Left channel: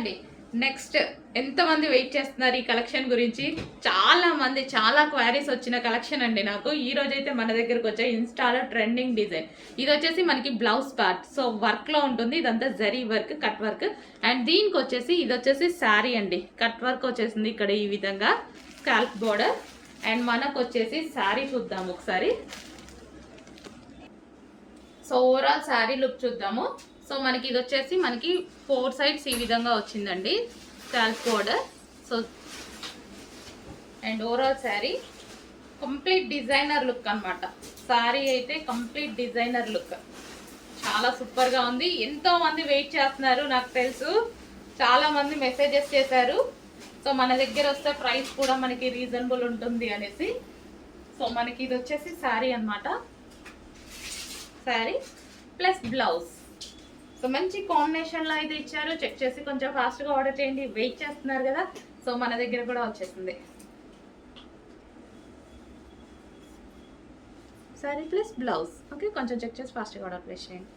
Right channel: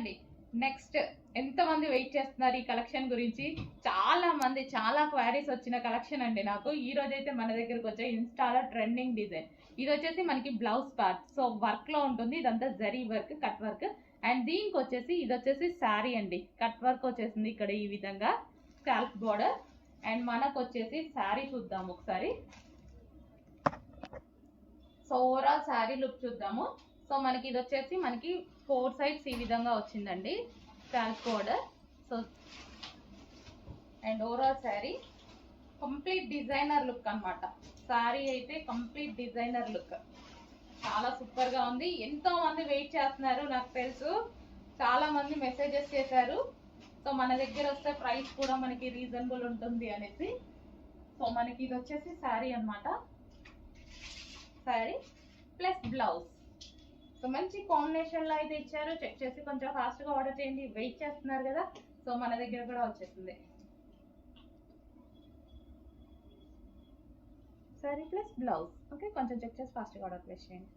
అండి. నెక్స్ట్ ఎంతమంది వెయిట్ చేస్తున్నారు ఈ కలెక్షన్ గురించి? చాలా మంది చాలా క్వైరీస్ వచ్చిన కలెక్షన్ అండి నాకు. ఈ రోజైతే మన దగ్గరకు వచ్చే ఇన్స్టాలో ట్రెండింగ్ డిజైన్. ఇది వచ్చేసి మనకి బ్లౌజ్ పార్ట్. సో వర్క్లో ఉంటుంది. ఇదంతా zari work, cut work. And దీనికి వచ్చేసి ఇది వచ్చేసి శారీ అండి. కట్ వర్క్ వచ్చేసింది ఇక్కడ ఈ విధంగా స్కాల్ప్ బోర్డర్. అండ్ మనకు వచ్చేసి శారీ చూద్దాం ఒకసారి. సో ఓవరాల్ శారీ లుక్ చూద్దాము. సో మనకి ఇది వచ్చేసి మనకి 4 సైడ్స్ ఈ విధంగా వచ్చిందండి scalp border. So and overall sari complete designer look అనమాట. శారీ అయితే కంప్లీట్ డిజైనర్ లుక్, చాలా సూపర్గా ఉంది. ఎంతో మంది వెయిట్ చేస్తున్నారు, నాకు తెలుసు చాలా మంది మెసేజెస్ చేశారు. సో మన దగ్గర వస్తే ప్రైస్ కూడా మనకి రీజనబుల్ ఉంటుంది అనేసి. సో మనకి ఇది వచ్చేసి శారీ అనమాట. Sari plus blouse. సో మంచి కాంబినేషన్లో అయితే ఇచ్చారు. చెక్ చేసి కొంచెం ఫాస్ట్గా ఆర్డర్ చేయండి. వెయిట్ చేస్తున్నారు కదా, సో మన దగ్గర కూడా వచ్చేసింది. Sari plus blouse. ఓకే, కొంచెం చెక్ చేసి ఫాస్ట్గా ఆర్డర్ ప్లేస్ చేయండి.